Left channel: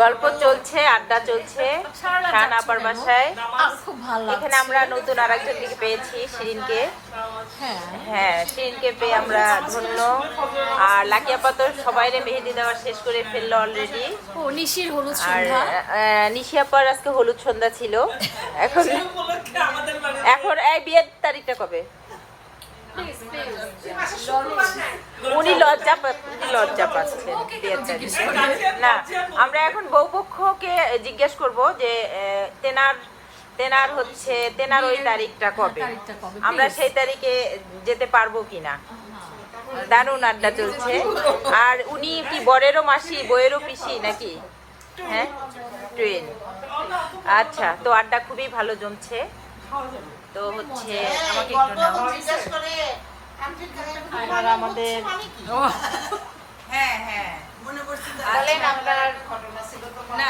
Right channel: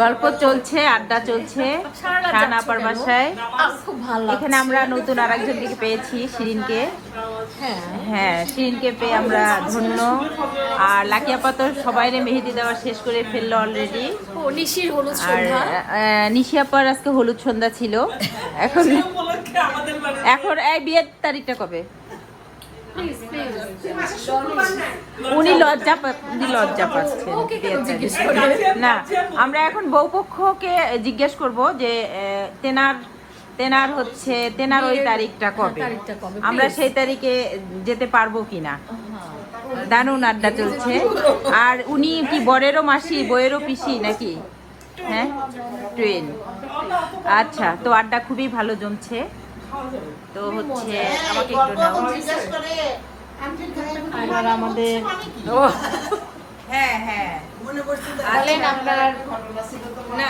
গল্প চলছে, আড্ডা চলছে রানাপার বাসায়। খুব ভালো লাগছে। এখানে আমরা নতুন আরেকজনকে পেয়েছি, শিরিনকে। হ্যাঁ, শিরিনকে পেয়ে আমরা ধন্য। আর লাকি আপা তো সবাই মেহেদি দেওয়া শেষ করে ফেললো অলরেডি। ও নিশির হলুদ সন্ধ্যা। নিশি আপার আজকে হলুদ সন্ধ্যা ছিল। এখন এই বিয়ের তারিখটা কবে? উনি লজ্জা পাচ্ছেন না। আমরা এখন বউপক্ষকে জিজ্ঞেস করব যে তেনার ওই তারিখটা কবে, আমরা সেই তারিখে যেতে পারবো কিনা। দারুণ আড্ডা চলছে। আর উনি কি বরেরও মাসি, বইয়েরও পিসি নাকি? হ্যাঁ, টুইন। আচ্ছা, তো আড্ডা খুবই ভালো জমছে। তো হচ্ছে আর আমাদের হ্যাঁ আসলেন আপনার না